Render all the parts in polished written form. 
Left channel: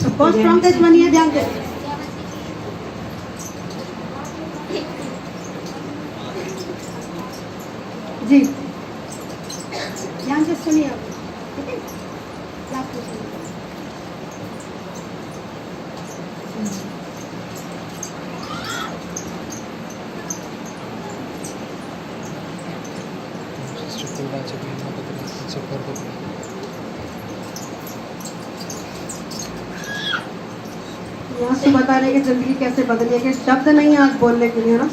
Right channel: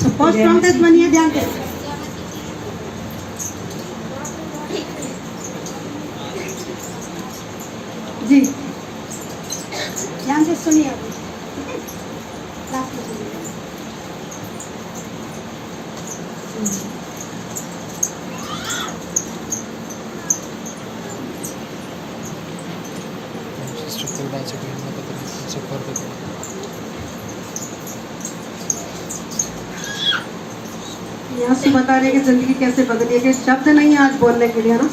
बहुत strong testimony है, ध्यान दो। जी ध्यान से सुनिए आप, ठीक है? लास्ट में सुनिए। यहाँ से बता रहे कि जिंदगी कैसे बदली है, कि शब्द नहीं है आज बोलने के लिए ना,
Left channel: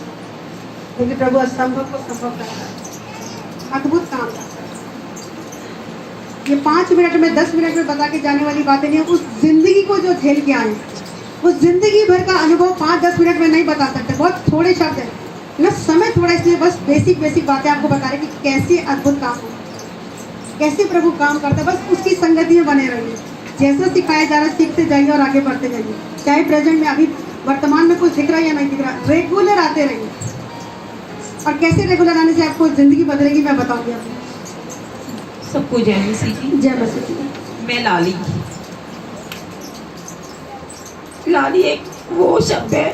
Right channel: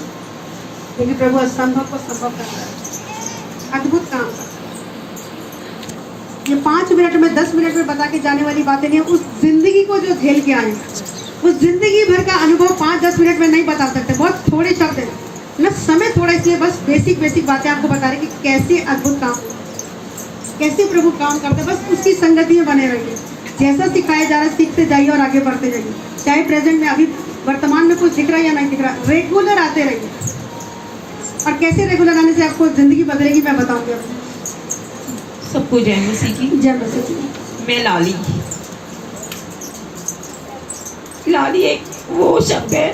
क्योंकि प्रभु असंभव को संभव करता है, अद्भुत काम। ये 5 मिनट में 10 मिनट में बता के जाने वाली बातें नहीं है। उस जिंदगी को जो झेल के आए, उस जिंदगी भर का अनुभव 5-10 मिनट में नहीं बता सकते, बहुत थोड़े शब्द है ना, समय थोड़ा, इसलिए बस बेसिक बातें आपको बता रहे कि कैसे अद्भुत काम होता है, कैसे प्रभु काम करता है। बस उसकी संगति में बने रहिए, जैसा सिखाया जा रहा है सीखते जाइए और आगे बढ़ते जाइए। चाहे प्रेजेंट में अभी वर्तमान में कुछ दिख रहा है या नहीं दिख रहा, रेगुलर आते रहिए। और कैसे रेगुलर आने से आपको जिंदगी बदलेगी मैं बताऊंगी आपको। सबको जय मसीह की। जय मसीह की। मैं लाली। लाली एक वो शब्द है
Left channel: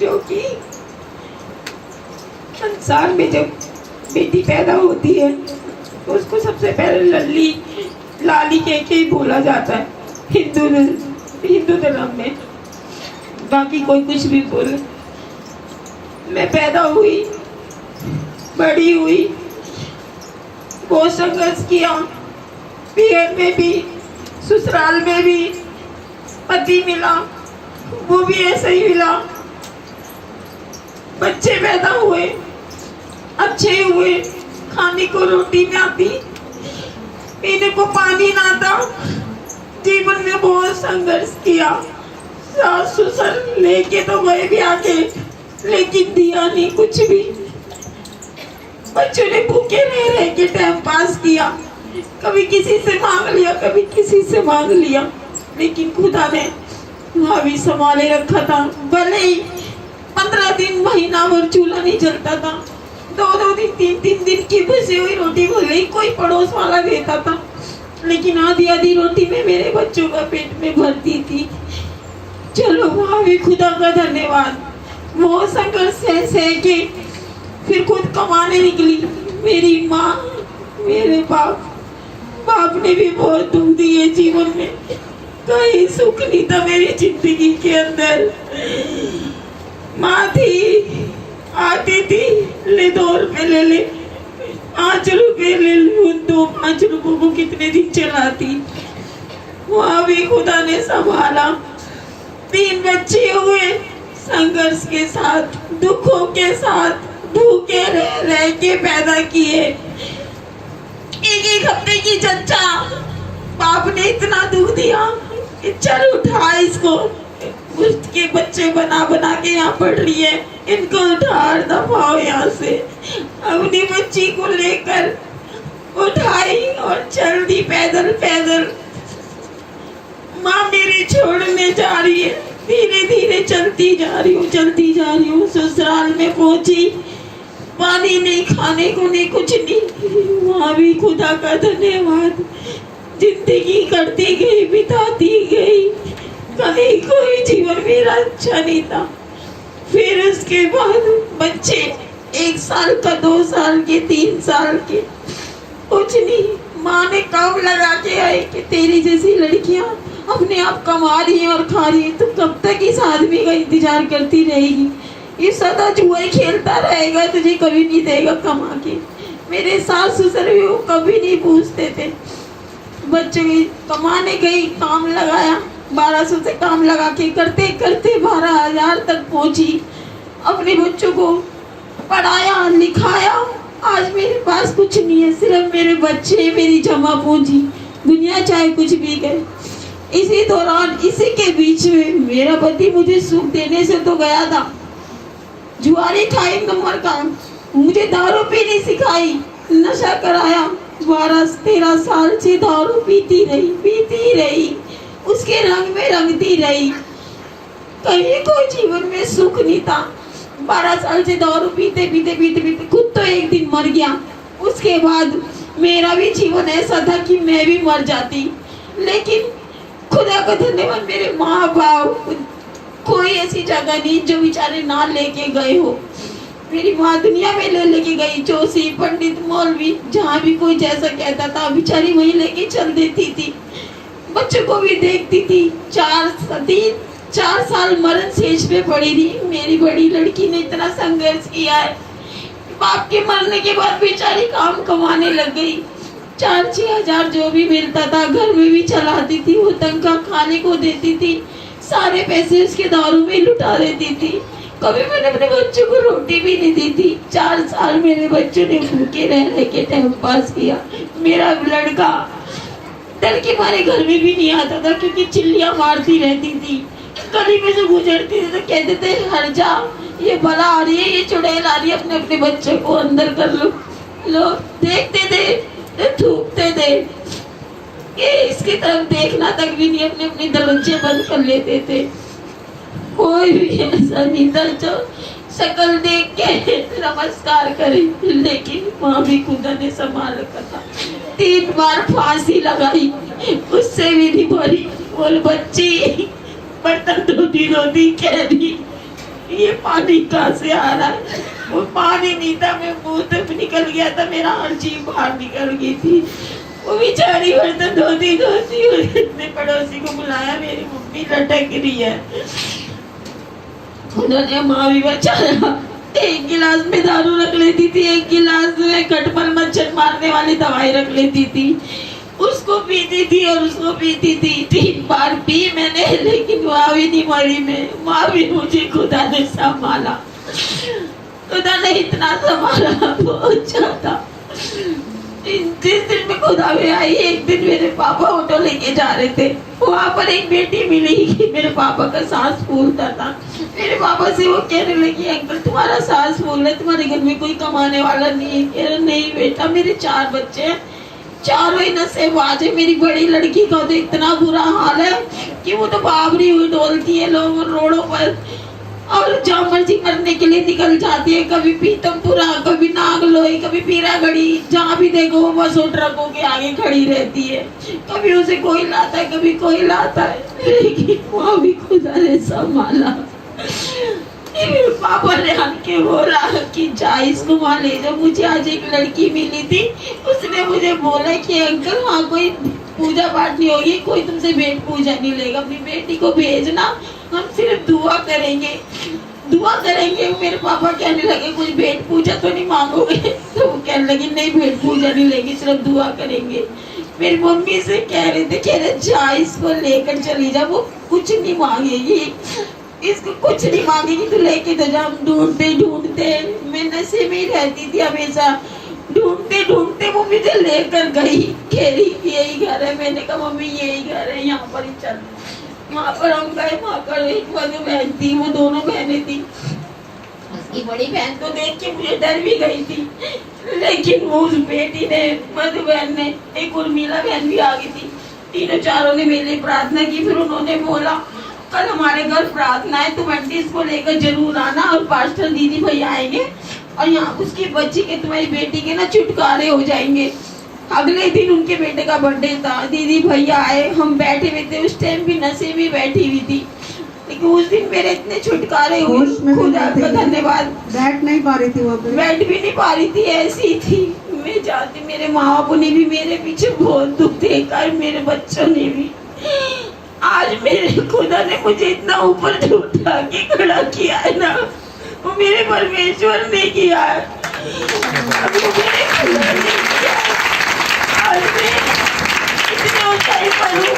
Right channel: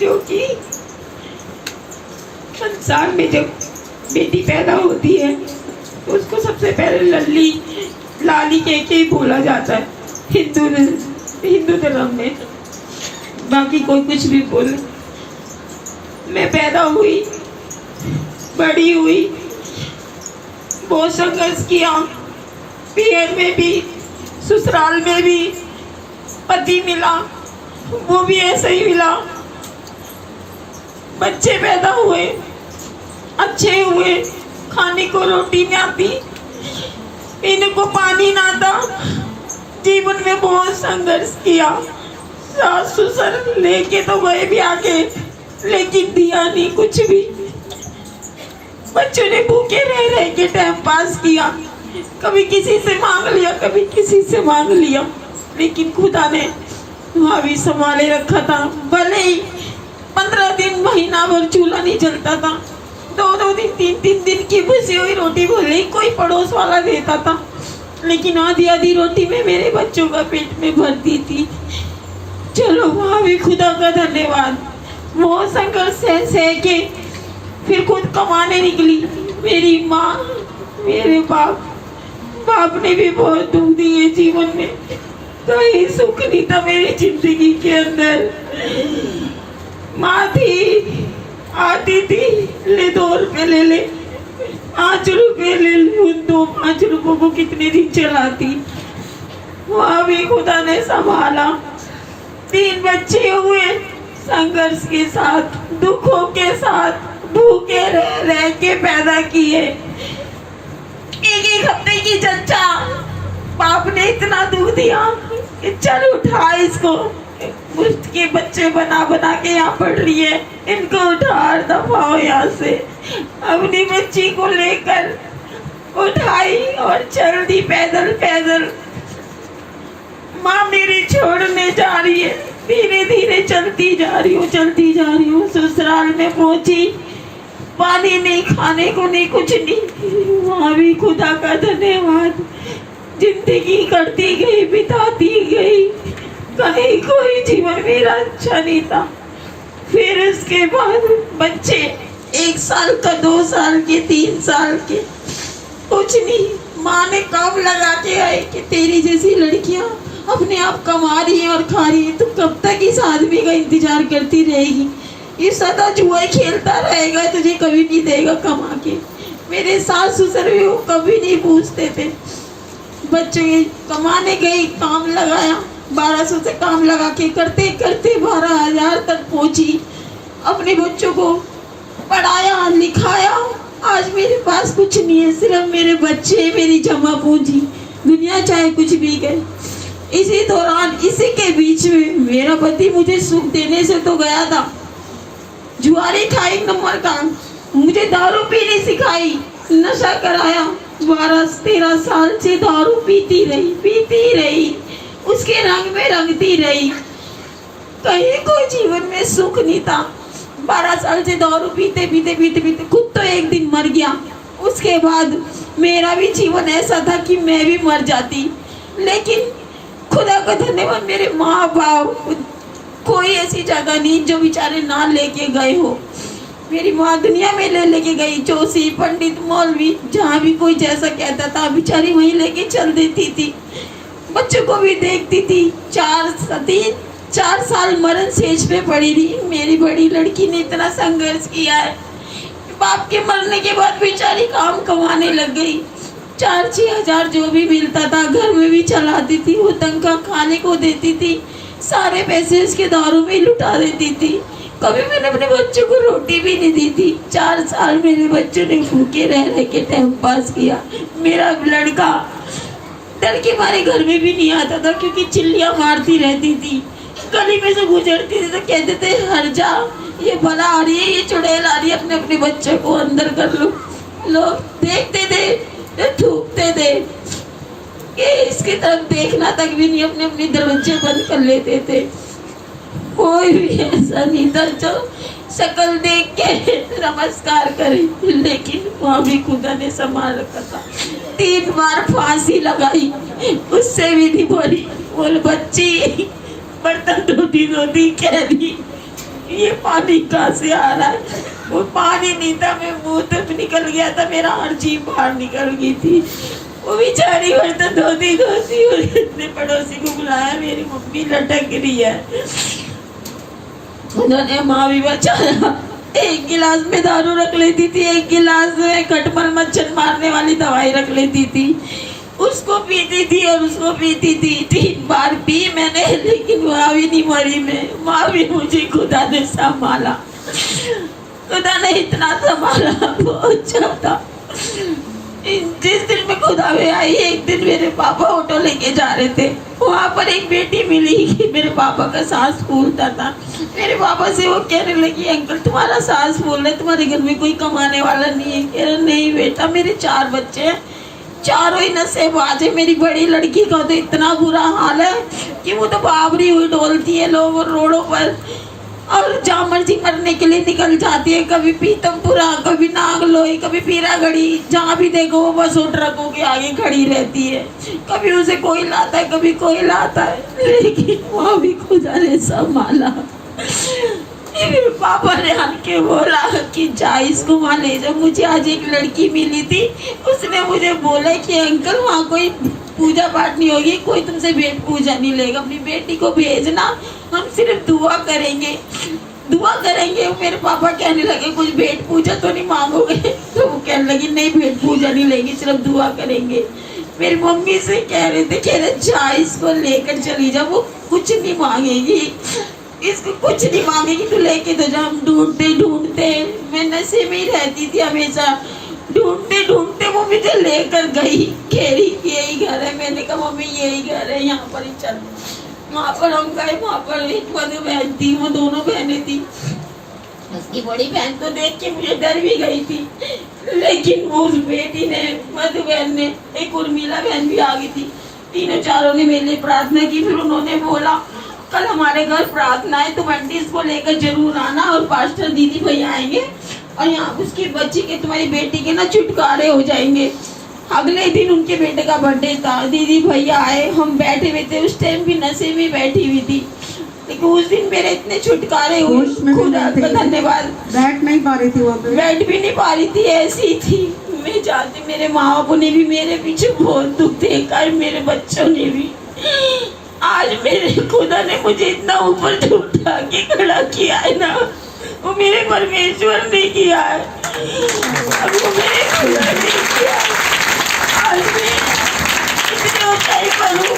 जो कि संसार में जब बेटी पैदा होती है उसको सबसे पहले लल्ली लाली कह के बोला जाता है हिंदू धर्म में, बाकी कोई कुछ भी बोले। मैं पैदा हुई, बड़ी हुई, बहुत संघर्ष किया, पीएम में भी, ससुराल में भी। पति मिला, वो भी ऐसे ही मिला। बच्चे पैदा हुए, अच्छे हुए, खाने को रोटी नहीं आती, पीने को पानी ना था। जीवन में बहुत संघर्ष किया। सास ससुर लेके तो गए भी आके, लेकिन दिया नहीं कुछ भी। बच्चों ने भूखे रह के टाइम पास किया, कभी किसी से मांग लिया, कभी किसी से मांग लिया, लेकिन खुदा ने वहाँ भी संभाले रखा था। भले ही 15 दिन महीना भर चूल्हा नहीं जलता था, 2-2 दिन 3-3 दिन की भूसी हुई रोटी भले ही कोई पड़ोस वाला देता था, लेकिन आधी रोटी में मेरे बच्चों का पेट में भरती थी। चलो वहाँ भी खुदा का धन्यवाद। वो संघर्ष सह के फिर खुद कमाने निकली। मेरी माँ, मेरे बाप ने भी बहुत दुख दिए जीवन में, कहीं सुख नहीं था मेरी जिंदगी के अंदर। माँ थी, आती थी, ले 2 रुपए ले ले, 5 रुपए ले लूं, 2-5 रुपयों को कितने दिन चलाती। वहाँ भी खुदा ने संभाला। 3 बच्चे हुए, संघर्ष के साथ, दुखों के साथ, भूखे रह के पैदा किए। 1-1 हफ्ते की चर्चा, बाप ने इतना दुख दिया कि चल उठा इसको, उसके बच्चे बना के यहाँ पढ़ रही है, इनको उठा दफाओ यहाँ से। अपनी बच्ची को लेकर उठाई और चल दी पैदल। माँ मेरी छोड़ने जा रही है, धीरे चलती जा रही हूँ। ससुराल में पहुंची, पानी नहीं, खाने को नहीं, कुछ नहीं। वहाँ भी खुदा का धन्यवाद। जिंदगी करती गई, बिताती गई, कहीं कोई जीवन मेरा अच्छा नहीं था। फिर उसके बाद बच्चे 1 साल का, 2 साल के, 3 साल के, कुछ नहीं। माँ ने काम लगा के आए कि तेरी जैसी लड़कियां अपने आप कमा रही है और खा रही है, तो कब तक इस आदमी का इंतजार करती रहेगी? ये सदा जुआ खेलता रहेगा, तुझे कभी नहीं देगा कमा के। मेरे सास ससुर भी वो कभी नहीं पूछते थे। बच्चों की कमाने गई, काम लगाया, 1200 से काम लगा के करते 12,000 तक पहुंची। अपने बच्चों को पढ़ाया, लिखाया। आज मेरे पास कुछ नहीं है, सिर्फ मेरे बच्चे, मेरी जमा पूंजी। दुनिया चाहे कुछ भी गए। इसी दौरान, इसी के बीच में मेरा पति मुझे सुख देने से तो गया था, जुआरी खाई नंबर का, मुझे दारू पीनी सिखाई, नशा कराया। 12-13 साल से दारू पीती रही, उसके रंग में रंगती रही। कहीं कोई जीवन में सुख नहीं था। 12 साल से दारू पीते खुद तो एक दिन मर गया। उसके बाद मेरा भी जीवन ऐसा था कि मैं भी मर जाती, लेकिन खुदा का धन्यवाद, मेरे माँ बाप, कोई ऐसी जगह नहीं जो बेचारे ना लेके गए हो। मेरी माँ दुनिया में लेके गई, जोशी, पंडित, मौलवी, जहाँ भी कोई जैसा कहता था बेचारी वहीं लेके चल देती थी। बच्चों को भी देखती थी। 4 साल मरण सेज पे पड़ी रही। मेरी बड़ी लड़की ने इतना संघर्ष किया है। बाप के मरने के बाद बेचारी काम कमाने लग गई। 4-6 हजार जो भी मिलता था घर में भी चलाती थी, वो तनख्वाह खाने को देती थी, सारे पैसे उसके दारू में लुटा देती थी। कभी मैंने अपने बच्चों को रोटी भी नहीं दी थी। 4 साल मेरे बच्चों ने भूखे रह के टाइम पास किया। मेरा लड़का डर के मारे घर में भी नहीं आता था, क्योंकि चिल्लियां मारती रहती थी। गली में से गुजरती थी तो कहते थे हट जा, ये भला आ रही है, ये चुड़ैल आ रही है, अपने अपने बच्चे को अंदर कर लो। लोग देखते थे, थूकते थे, ये इसकी तरफ देखना तक भी नहीं, अपने अपने दरवाजे बंद कर लेते थे। कोई भी ऐसा नहीं था जो शक्ल देख के नमस्कार करे, लेकिन वहाँ भी खुदा ने संभाल रखा था। 3 बार फांसी लगाई, उससे भी नहीं भरी। बोल बच्ची, बर्तन धोती धोती कह रही ये पानी कहाँ से आ रहा है? वो पानी नहीं था, मैं मुंह तक निकल गया था, मेरा हर चीज बाहर निकल गई थी। वो बेचारी बर्तन धोती धोती अपने पड़ोसी को बुलाया, मेरी मम्मी लटक रही है। उन्होंने माँ भी बचाया। 1 गिलास में दारू रख लेती थी, 1 गिलास में खटमल मच्छर मारने वाली दवाई रख लेती थी, उसको पीती थी और उसको पीती थी। 3 बार पी मैंने, लेकिन माँ भी नहीं मरी। मैं माँ भी, मुझे खुदा ने संभाला। खुदा ने इतना संभाला, बहुत ज्यादा। जिस दिन में खुदा में आई, एक दिन मेरे पापा ऑटो लेके जा रहे थे, वहाँ पर एक बेटी मिली। मेरे पापा का सांस फूलता था। मेरे पापा से वो कहने लगी अंकल तुम्हारा सांस फूल रहा है, तुम्हारे घर में कोई कमाने वाला नहीं है? कह रहा नहीं बेटा, मेरे 4 बच्चे हैं, चारों ही नशेबाज है। मेरी बड़ी लड़की का तो इतना बुरा हाल है कि वो तो बाबरी हुई डोलती है लोग रोडों पर, और जहाँ मर्जी मरने के लिए निकल जाती है। कभी पीतमपुरा, कभी नागलोई, कभी पीरागढ़ी, जहाँ भी देखो वो बस ट्रकों के आगे खड़ी रहती है। कभी उसे कोई लाता है, कभी कोई लाता है, लेकिन वो भी खुदा ने संभाला। मेरे पापा ने आके बोला कि जा इसको वहाँ ले जाओ। मुझे आज एक लड़की मिली थी, उसने मुझे बोला कि अंकल वहाँ कोई पूजा पाठ नहीं होगी, कोई तुमसे भेंट पूजा नहीं लेगा, अपनी बेटी को भेजना, हम सिर्फ दुआ करेंगे, दुआ करेंगे। मेरे पापा कहने लगे कुछ भेंट पूजा तो नहीं मांगोगे? तो वो कहने लगी नहीं भेंट पूजा नहीं लेंगे, सिर्फ दुआ करेंगे। मेरी मम्मी से कह रहे जा इसको लेकर चली जा, वो कुछ नहीं मांगेगी, इसको कुछ नहीं मांगेगी, तो लेके तो जा। हम ढूंढते मैं नशे में ही रहती थी हमेशा, ढूंढते वो मुझे लेकर गई। कह रही यही घर है। मैंने कहा मम्मी यही घर है, यहाँ पर ही चल। यहाँ पर हम गए, वहाँ पर एक मधु बहन थी, वो दोनों बहनें थी। उसकी बड़ी बहन को देख के मुझे डर भी गई थी, लेकिन वो उस बेटी ने, मधु बहन ने, एक उर्मिला बहन भी आ गई थी, तीनों चारों ने मेरे लिए प्रार्थना की। फिर उन्होंने बोला कल हमारे घर प्रार्थना है, तुम आंटी इसको लेकर जरूर आना, और पास्टर दीदी भैया आएंगे, और यहाँ उसकी बच्ची के, तुम्हारी बेटी के ना छुटकारे हो जाएंगे। अगले दिन उनके बेटे का बर्थडे था, दीदी भैया आए, हम बैठे हुए थे, उस टाइम भी नशे में बैठी हुई थी, लेकिन उस दिन मेरे इतने छुटकारे हुए, खुदा का धन्यवाद। बैठ नहीं पा रही थी वो, बैठ भी नहीं पा रही थी, ऐसी थी। मैं जानती, मेरे माँ बाप ने भी मेरे पीछे बहुत दुख देखा है, मेरे बच्चों ने भी। आज मेरे खुदा ने मुझे इतना ऊपर उठा के खड़ा किया है ना, वो मेरे परमेश्वर ने किया है, अभी वो मेरे खुदा ने किया है। आज मैं इतने ऊंचाई पर हूँ,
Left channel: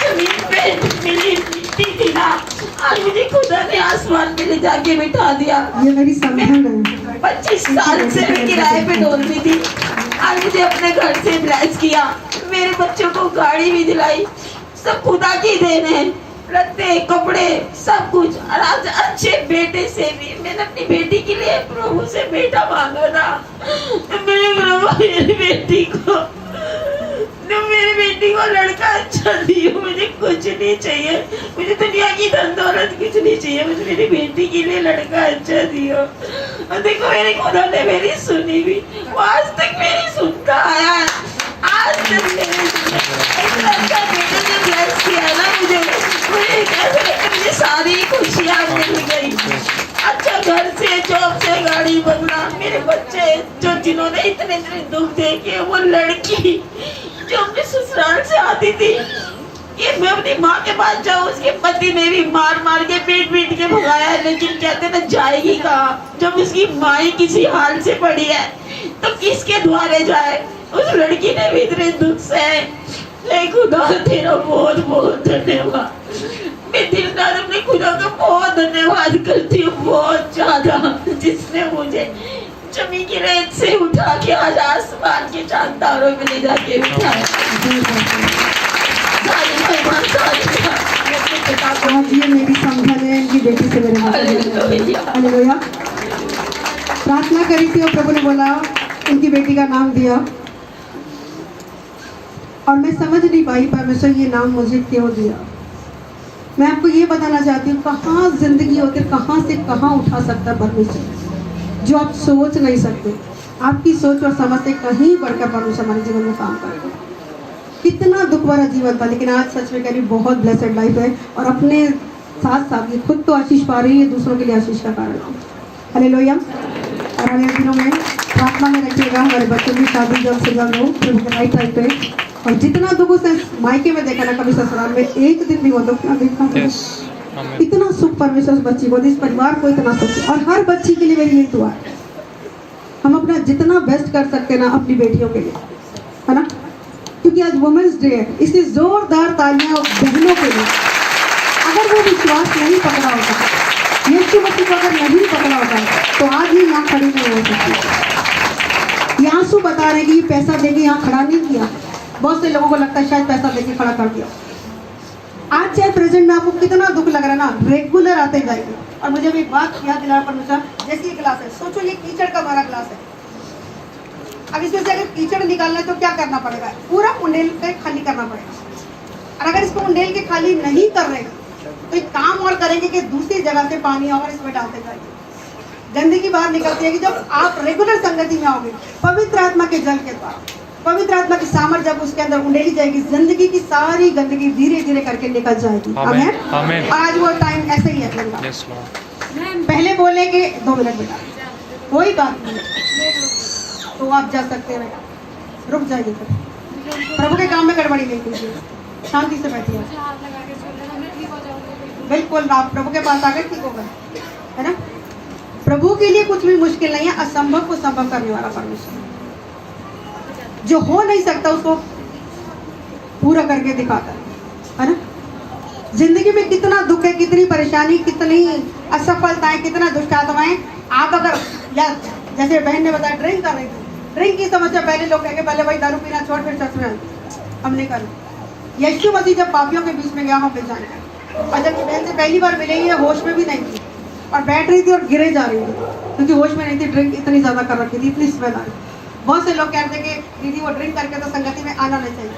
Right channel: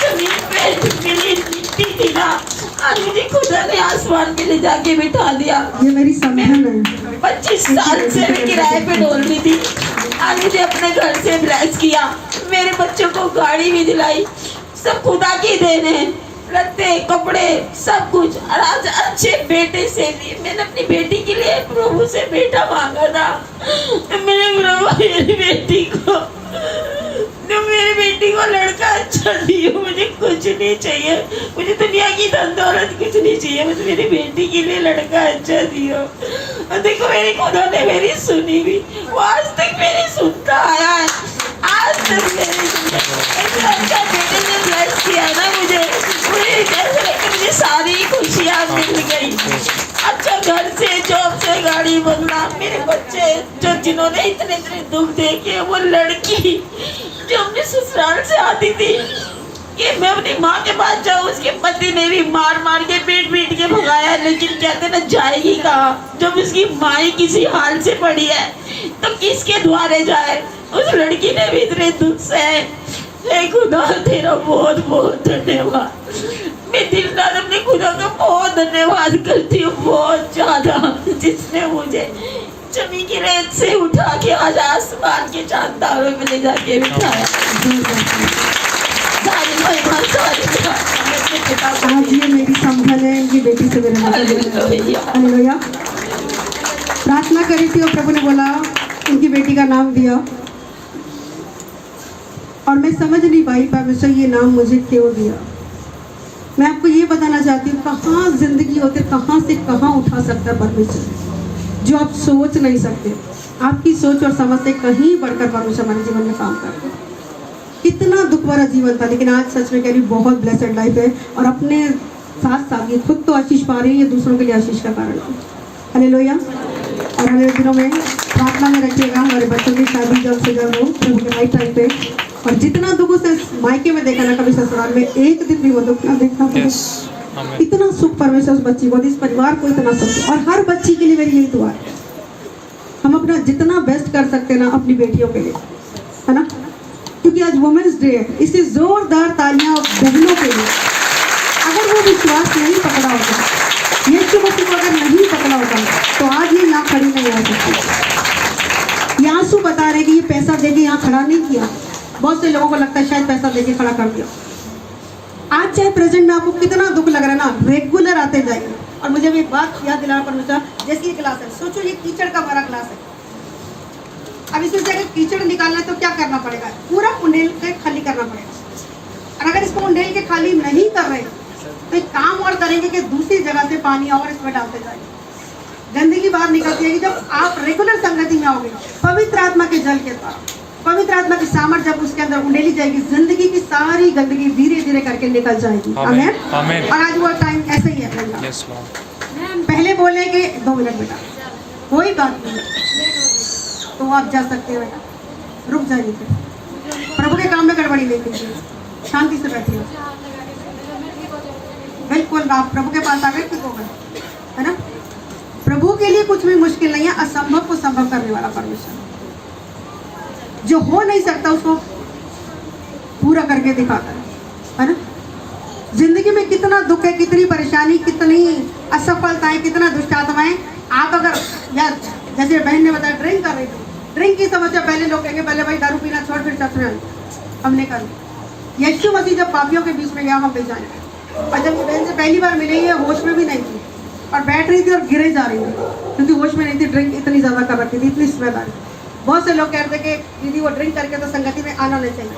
जमीन पे मिली थी ना, आज मुझे खुदा ने आसमान पे ले जाके बिठा दिया। ये मेरी समझन है। 25 साल से मैं किराए पे डोलती थी, आज मुझे अपने घर से ब्रश किया, मेरे बच्चों को गाड़ी भी दिलाई, सब खुदा की देन है। लत्ते कपड़े सब कुछ, और आज अच्छे बेटे से भी। मैंने अपनी बेटी के लिए प्रभु से बेटा मांगा था। मेरे प्रभु मेरी बेटी को लड़का अच्छा दियो, मुझे कुछ नहीं चाहिए, मुझे दुनिया की धन दौलत कुछ नहीं चाहिए, मुझे मेरी बेटी के लिए लड़का अच्छा दियो। और देखो मेरे खुदा ने मेरी सुनी भी, वो आज तक मेरी सुनता आया है, आज तक मेरी सुनता। एक अच्छा बेटे ने ब्लेस किया घर से जॉब से गाड़ी बंगला, मेरे बच्चे जो जिन्होंने इतने इतने दुख देखे, वो लड़की जो अपने ससुराल से आती थी कि मैं अपनी माँ के पास जाऊँ, उसके पति ने भी मार मार के पीट पीट के भगाया, लेकिन कहते ना जाएगी कहाँ जब उसकी माँ ही किसी हाल से पड़ी है तो किसके द्वारे जाए। उस लड़की ने भी इतने दुख सहे। हे खुदा तेरा बहुत बहुत धन्यवाद। मैं दिल दार अपने खुदा का बहुत धन्यवाद करती हूँ, बहुत ज्यादा, जिसने मुझे जमीन की रेत से उठा के आज आसमान के चांद तारों में ले जाके बिठाया। आज ये मेरी संभल है, इनकी बेटी से मेरा हालेलुया। प्रार्थना करी थी और प्रभु ने बोला उनकी बेटी का नाम दिया, और मैं समझ नहीं पाई परमेश्वर ये नाम मुझे क्यों दिया। मैं आपको ये बताना चाहती हूँ कहाँ जिंदगी होकर कहाँ से कहाँ उठा सकता परमेश्वर, जो आप सोच नहीं सकते। आपकी सोच और समझ से कहीं बढ़कर परमेश्वर हमारे जीवन में काम करते हैं। कितना दुख भरा जीवन था, लेकिन आज सच में कह रही बहुत ब्लेसेड लाइफ है, और अपने साथ साथ ये खुद तो आशीष पा रही है, दूसरों के लिए आशीष का कारण है। हालेलुया। और हमें दिनों में प्रार्थना में रखिएगा, हमारे बच्चों की शादी जल्द से जल्द हो प्रभु के राइट टाइम पे। और जितना दुख उसे मायके में देखा ना, कभी ससुराल में एक दिन भी वो दुख ना देखना। इतना सुख परमेश्वर उस बच्ची को, इस परिवार को इतना सुख, और हर बच्ची के लिए मेरी यही दुआ है, हम अपना जितना बेस्ट कर सकते हैं ना अपनी बेटियों के लिए, है ना, क्योंकि आज वुमेन्स डे है। इसलिए जोरदार तालियां बहनों के लिए। अगर वो विश्वास नहीं पकड़ा होता, यीशु मसीह को अगर नहीं पकड़ा होता, तो आज ये यहाँ खड़ी नहीं हो सकती। ये आंसू बता रहे कि ये पैसा देके यहाँ खड़ा नहीं किया। बहुत से लोगों को लगता है शायद पैसा देके खड़ा कर दिया। आज चाहे प्रेजेंट में आपको कितना दुख लग रहा है ना, रेगुलर आते जाइए। और मुझे भी एक बात याद दिला परमेश्वर, जैसे ये गिलास है, सोचो ये कीचड़ का भरा गिलास है। अब इसमें से अगर कीचड़ निकालना है तो क्या करना पड़ेगा, पूरा उंडेल के खाली करना पड़ेगा। और अगर इसको उंडेल के खाली नहीं कर रहे तो एक काम और करेंगे कि दूसरी जगह से पानी और इसमें डालते जाइए। गंदगी बाहर निकलती है कि जब आप रेगुलर संगति में आओगे, पवित्र आत्मा के जल के द्वारा, पवित्र आत्मा की सामर्थ जब उसके अंदर उंडेली जाएगी, जिंदगी की सारी गंदगी धीरे धीरे करके निकल जाएगी। आमीन। आमीन। और आज वो टाइम ऐसे ही है। Yes Lord. पहले बोले कि 2 मिनट बेटा, कोई बात नहीं, तो आप जा सकते हैं बेटा, रुक जाइए। प्रभु के काम में गड़बड़ी नहीं कीजिए, शांति से बैठिए। बिल्कुल आप प्रभु के पास आ गए, ठीक हो गए, है ना। प्रभु के लिए कुछ भी मुश्किल नहीं है, असंभव को संभव करने वाला परमेश्वर, जो हो नहीं सकता उसको पूरा करके दिखाता है ना। जिंदगी में कितना दुख है, कितनी परेशानी, कितनी असफलताएं, कितना दुष्ट आत्माएं। आप अगर या जैसे बहन ने बताया ड्रिंक कर रही थी, ड्रिंक की समस्या, पहले लोग कहेंगे पहले भाई दारू पीना छोड़ फिर ससुराल, हमने कर। यीशु मसीह जब पापियों के बीच में गया, हम पहचाने, और जब ये बहन से पहली बार मिले, ये होश में भी नहीं थी और बैठ रही थी और गिरे जा रही थी, क्योंकि होश में नहीं थी, ड्रिंक इतनी ज्यादा कर रखी थी, इतनी स्मेल आ रही। बहुत से लोग कहते हैं कि दीदी वो ड्रिंक करके तो संगति में आना नहीं चाहिए।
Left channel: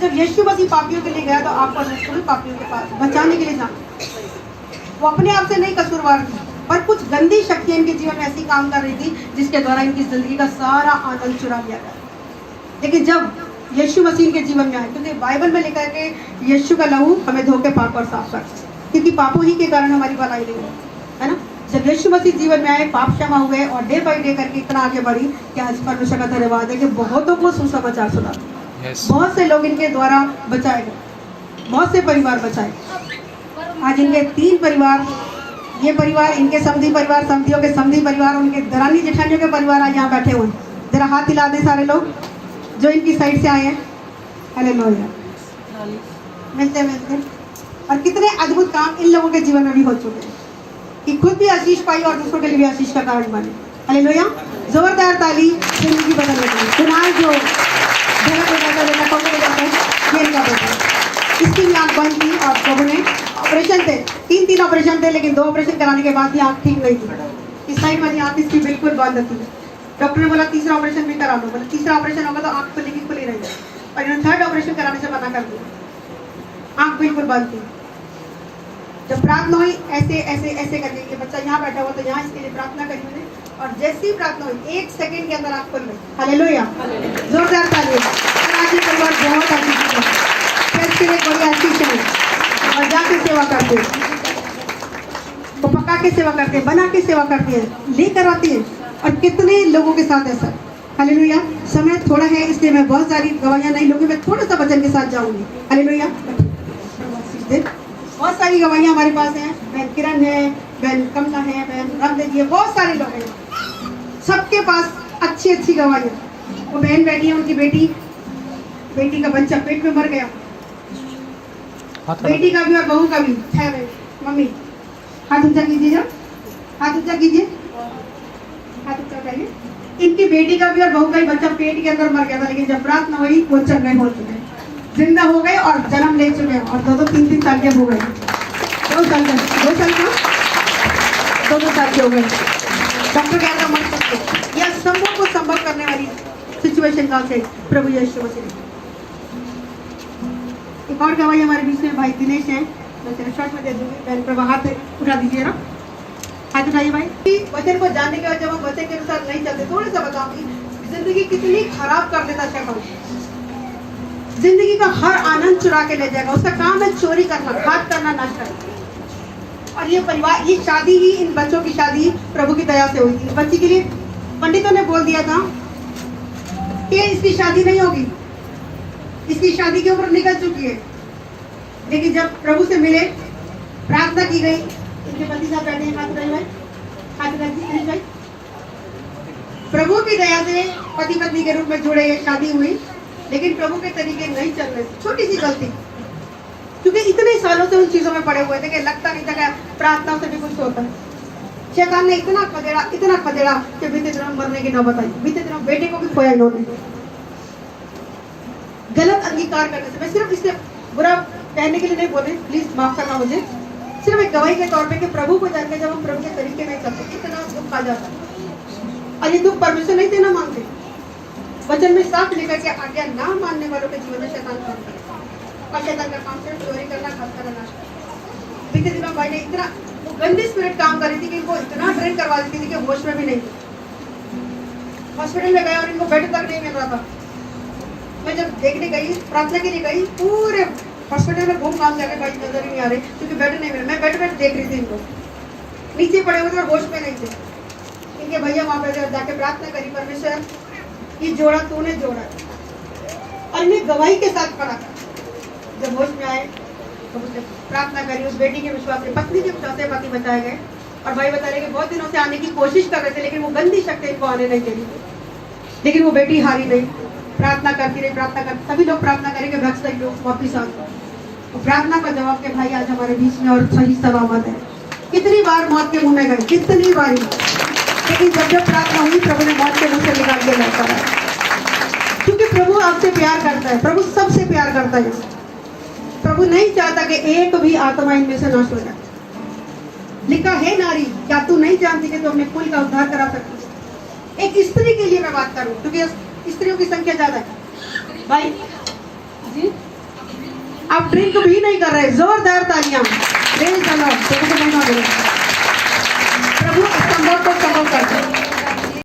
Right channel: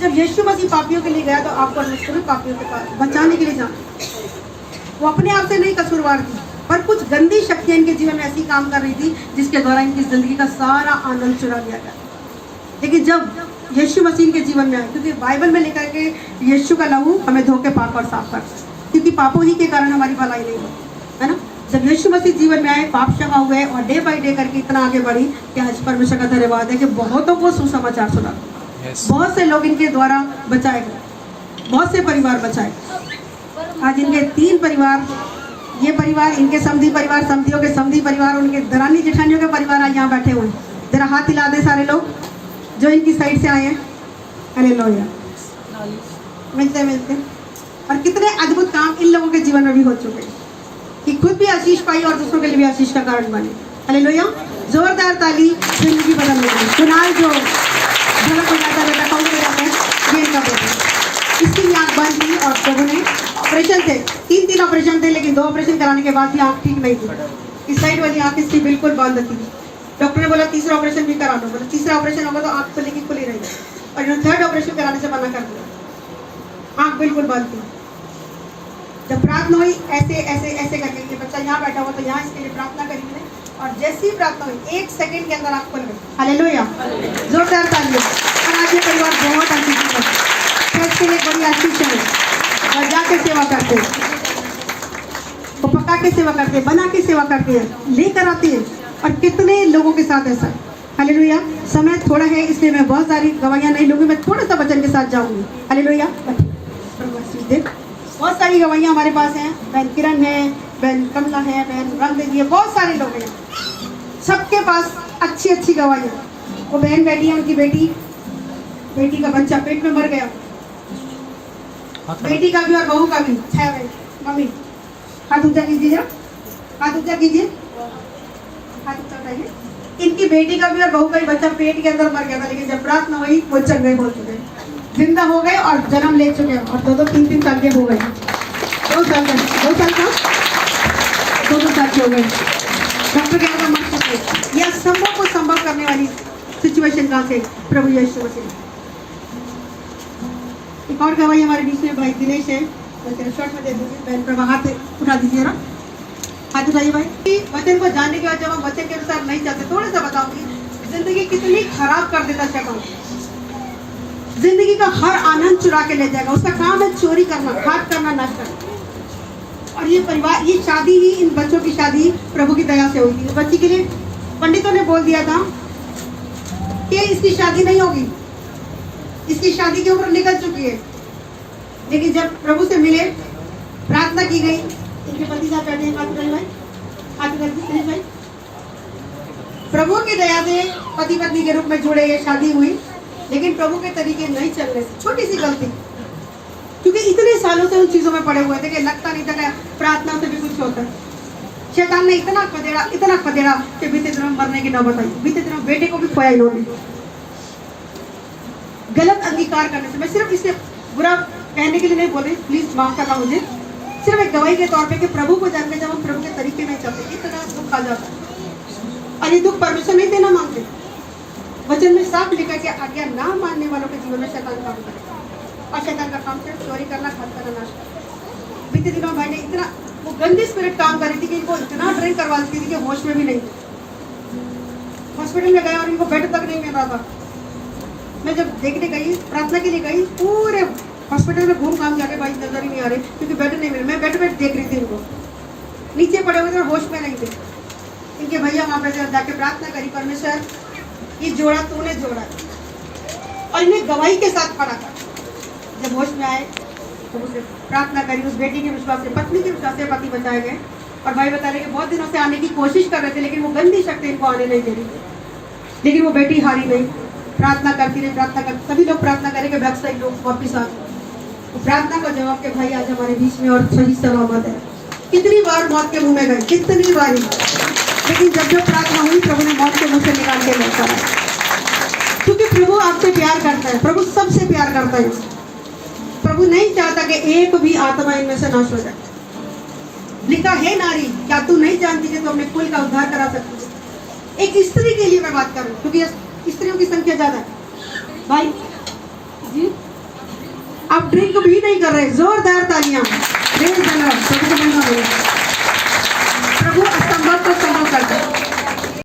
जब यीशु मसीह पापियों के लिए गया तो आपको भी पापियों के पास बचाने के लिए जाना। वो अपने आप से नहीं कसूरवार थी, पर कुछ गंदी शक्तियां इनके जीवन में ऐसी काम कर रही थी जिसके द्वारा इनकी जिंदगी का सारा आनंद चुरा लिया गया। लेकिन जब यीशु मसीह इनके जीवन में आए, क्योंकि बाइबल में लिखा है कि यीशु का लहू हमें धो के पाप और साफ कर, क्योंकि पापों ही के कारण हमारी भलाई नहीं है ना। जब यीशु मसीह जीवन में आए, पाप क्षमा हुए और डे बाई डे करके इतना आगे बढ़ी कि आज परमेश्वर का धन्यवाद है कि बहुतों को सुसमाचार सुना। बहुत से लोग इनके द्वारा बचाए गए, बहुत से परिवार बचाए। आज इनके 3 परिवार, ये परिवार, इनके समधी परिवार, समधियों के समधी परिवार, उनके दरानी जेठानियों के परिवार आज यहाँ बैठे हुए हैं। जरा हाथ हिला दें सारे लोग जो इनकी साइड से आए हैं। हालेलुया। मिलते मिलते और कितने अद्भुत काम इन लोगों के जीवन में भी हो चुके हैं कि खुद भी आशीष पाई और दूसरों के लिए भी आशीष का कारण बने। हालेलुया। जोरदार ताली जिंदगी बदलने की। कुणाल जो इसकी भी आँख बंद थी और प्रभु ने ऑपरेशन थे, 3 ऑपरेशन थे, लेकिन 2 ऑपरेशन कराने के बाद भी आँख ठीक नहीं थी। इस साइड वाली आँख इसकी बिल्कुल बंद थी। डॉक्टर ने बोला 3रा ऑपरेशन भी करा लो, बोला 3रा ऑपरेशन होगा तो आँख खुलेगी, खुली रहेगी, और इन्होंने 3rd ऑपरेशन कराने से मना कर दिया, आँख बिल्कुल बंद थी। जब प्रार्थना हुई ऐसे ऐसे ऐसे करके, ये बच्चा यहाँ बैठा हुआ तो यहाँ इसके लिए प्रार्थना करी मैंने, और जैसी ही प्रार्थना हुई 1 सेकंड के अंदर आँख खुल गई। हालेलुया। जोरदार तालियां। आज ये परिवार बहुत आशीषित है, चर्च के लिए बड़ी आशीष है और जाके सेवा करते हैं। तो पक्का के सेवा करते हैं, बना के सेवा करते हैं, लेकर आती है। और कितने लोगों के साथ ऐसा है। हालेलुया। समय थोड़ा है इसलिए मैं बहुत सारी गवाहियां नहीं लूंगी, मैं थोड़ा सा वचन के साथ जाऊंगी। हालेलुया। बहुत सारी गवाहियां हमारे पास हैं। बहन किरण है, बहन कमला है, बहन रामदेव जी है, बहुत सारे लोग हैं, सबके पास अच्छी अच्छी गवाहियां। वो बहन बैठी है, उनकी बेटी का बच्चा पेट में मर गया, बेटी का भी और बहू का भी। 6 मिनट मम्मी हाथ ऊंचा कीजिए, हाथ ऊंचा कीजिए, हाथ ऊंचा उठाइए। इनकी बेटी का भी और बहू का ही बच्चा पेट के अंदर मर गया था, लेकिन जब प्रार्थना हुई वो चंगे हो चुके, जिंदा हो गए और जन्म ले चुके हैं। और 2-3 साल के हो गए, 2 साल के, 2 साल का 2 साल के हो गए। डॉक्टर कहता मत सकते। यह संभव को संभव करने वाली सिचुएशन कौन से? प्रभु यीशु से। एक और गवाही हमारे बीच में भाई दिनेश है, तो तेरे शॉर्ट में दे दूंगी। बहन प्रभा हाथ उठा दीजिए ना, हाथ उठाइए भाई। वचन को जानने के बाद जब हम वचन के अनुसार नहीं चलते, थोड़ा सा बताऊंगी जिंदगी कितनी खराब कर देता शैतान। जिंदगी का हर आनंद चुरा के ले जाएगा। उसका काम है चोरी करना, घात करना, नाश करना। और ये परिवार, ये शादी ही, इन बच्चों की शादी प्रभु की दया से हुई थी। बच्ची के लिए पंडितों ने बोल दिया था कि इसकी शादी नहीं होगी, इसकी शादी की उम्र निकल चुकी है। लेकिन जब प्रभु से मिले, प्रार्थना की गई, इनके पति साहब बैठे हैं, हाथ उठाइए भाई, हाथ उठाइए भाई। प्रभु की दया से पति पत्नी के रूप में जुड़े, ये शादी हुई। लेकिन प्रभु के तरीके नहीं चल रहे, छोटी सी गलती, क्योंकि इतने सालों से उन चीजों में पड़े हुए थे कि लगता नहीं था कि प्रार्थना से भी कुछ होता है। शैतान ने इतना खदेड़ा कि बीते दिनों मरने की नौबत आई। बीते दिनों बेटे को भी खोया इन्होंने, गलत अंगीकार करने से। मैं सिर्फ इससे बुरा कहने के लिए नहीं बोल रही, प्लीज माफ करना मुझे, सिर्फ एक गवाही के तौर पे कि प्रभु को जानकर जब हम प्रभु के तरीके में चलते, इतना दुख आ जाता है। और ये दुख परमेश्वर नहीं देना मांगते। वचन में साफ लिखा कि आज्ञा ना मानने वालों के जीवन में शैतान काम करेगा, और शैतान का काम सिर्फ चोरी करना, घात करना, नाश करना। बीते दिनों भाई ने इतना, वो गंदी स्पिरिट काम कर रही थी कि इनको इतना ट्रेन करवा देती थी कि होश में भी नहीं। हॉस्पिटल में गया और इनको बेड तक नहीं मिल रहा था। मैं जब देखने गई, प्रार्थना के लिए गई, पूरे हॉस्पिटल में घूम घाम जाके भाई नजर ही नहीं आ रहे, क्योंकि बेड नहीं मिले। मैं बेड देख रही थी, इनको नीचे पड़े हुए थे और होश में नहीं थे। इनके भैया वहां पे जाके प्रार्थना करी, परमेश्वर ये जोड़ा तूने जोड़ा, और इन्हें गवाही के साथ खड़ा कर। जब होश में आए तो उसे प्रार्थना करी, उस बेटी के विश्वास से, पत्नी के विश्वास से पति बचाए गए। और भाई बता रहे कि बहुत दिनों से आने की कोशिश कर रहे थे, लेकिन वो गंदी शक्ति इनको आने नहीं दे रही थी। लेकिन वो बेटी हारी नहीं, प्रार्थना करती रही, प्रार्थना करती, सभी लोग प्रार्थना करेंगे, बहुत सारे लोग वापिस आ गए। तो प्रार्थना का जवाब के भाई आज हमारे बीच में और सही सलामत है। कितनी बार मौत के मुंह में गए, कितनी बार, लेकिन जब जब प्रार्थना हुई, प्रभु ने मौत के मुंह से निकाल के लेकर आया। क्योंकि प्रभु आपसे प्यार करता है, प्रभु सबसे प्यार करता है। प्रभु नहीं चाहता कि एक भी आत्मा इनमें से नाश हो जाए। लिखा है, नारी क्या तू नहीं जानती कि तू अपने कुल का उद्धार करा सकती है। एक स्त्री के लिए मैं बात करूं, क्योंकि स्त्रियों की संख्या ज्यादा है। भाई जी आप ड्रिंक भी नहीं कर रहे, जोरदार तालियां। प्रभु असंभव को